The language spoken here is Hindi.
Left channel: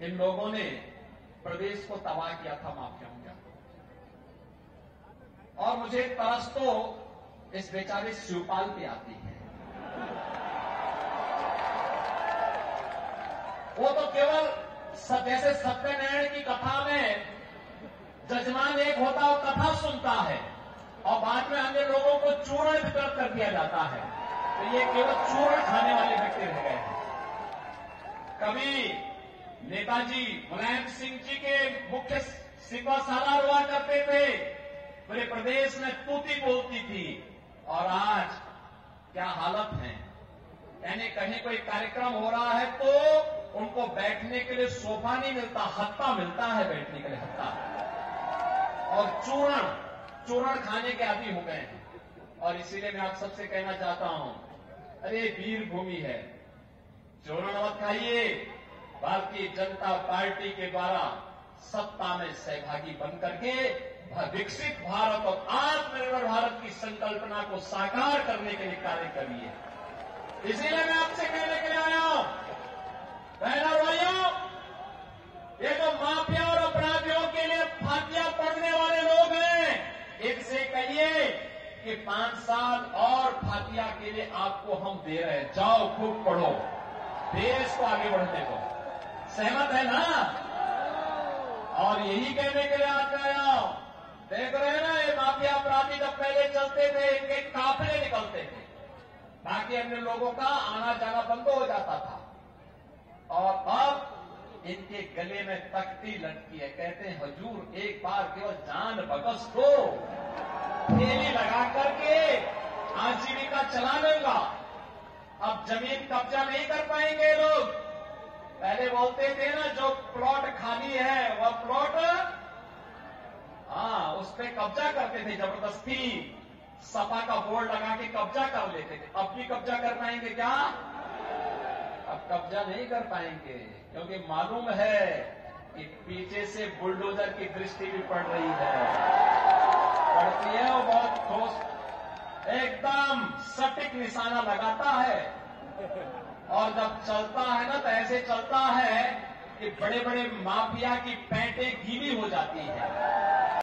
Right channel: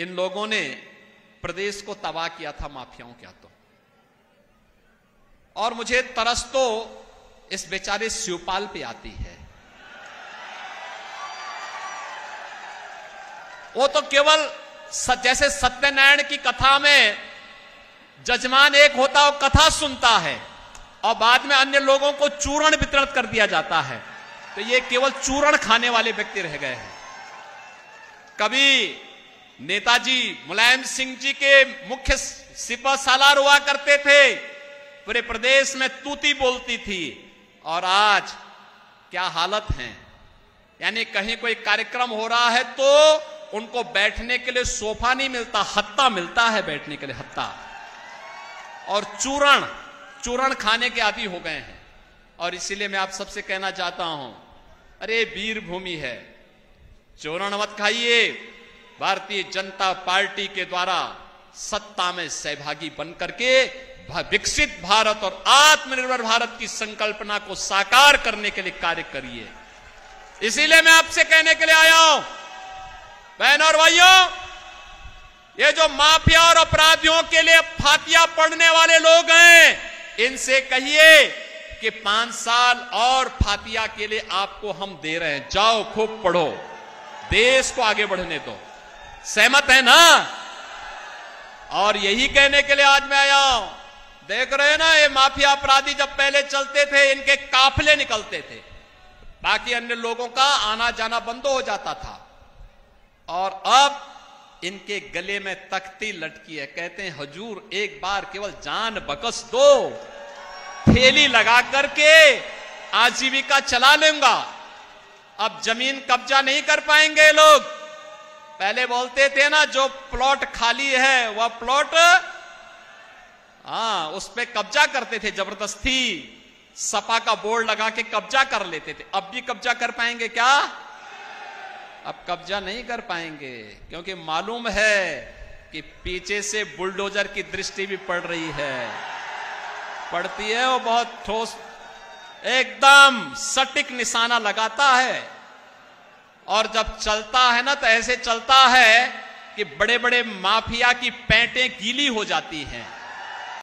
इन लोगों ने प्रदेश को तबाह किया था माफियाओं के हाथों। और मुझे तरस तो इस बेचारे शिवपाल पे आती है। वो तो केवल जैसे सत्यनारायण की कथा में जजमान एक होता है, कथा सुनता है और बाद में अन्य लोगों को चूर्ण वितरित कर दिया जाता है। तो ये केवल चूर्ण खाने वाले व्यक्ति रह गए हैं। कभी नेताजी मुलायम सिंह जी के मुख्य सिपह सालार हुआ करते थे, पूरे प्रदेश में तूती बोलती थी। और आज क्या हालत है, यानी कहीं कोई कार्यक्रम हो रहा है तो उनको बैठने के लिए सोफा नहीं मिलता, हत्ता मिलता है बैठने के लिए, हत्ता। और चूरण खाने के आदी हो गए हैं। और इसीलिए मैं आप सबसे कहना चाहता हूं, अरे वीर भूमि है, चूरण मत खाइए। भारतीय जनता पार्टी के द्वारा सत्ता में सहभागी बनकर के विकसित भारत और आत्मनिर्भर भारत की संकल्पना को साकार करने के लिए कार्य करिए। इसीलिए मैं आपसे कहने के लिए आया हूं, बहनों और भाइयों, ये जो माफिया और अपराधियों के लिए फातिया पढ़ने वाले लोग हैं, इनसे कहिए कि 5 साल और फातिया के लिए आपको हम दे रहे हैं, जाओ खूब पढ़ो, देश को आगे बढ़ने दो। सहमत है ना? और यही कहने के लिए आज मैं आया हूं। देख रहे हैं ना, ये माफिया अपराधी जब पहले चलते थे, इनके काफिले निकलते थे, बाकी अन्य लोगों का आना जाना बंद हो जाता था। और अब इनके गले में तख्ती लटकी है, कहते हैं हुजूर एक बार केवल जान बख्श दो, थैली लगा करके आजीविका चला लूंगा। अब जमीन कब्जा नहीं कर पाएंगे लोग। पहले बोलते थे ना, जो प्लॉट खाली है वह प्लॉट, उस पे कब्जा करते थे जबरदस्ती, सपा का बोर्ड लगा के कब्जा कर लेते थे। अब भी कब्जा कर पाएंगे क्या? अब कब्जा नहीं कर पाएंगे, क्योंकि मालूम है कि पीछे से बुलडोजर की दृष्टि भी पड़ रही है, पड़ती है, वो बहुत ठोस एकदम सटीक निशाना लगाता है। और जब चलता है ना, तो ऐसे चलता है कि बड़े बड़े माफिया की पैंटें गीली हो जाती हैं।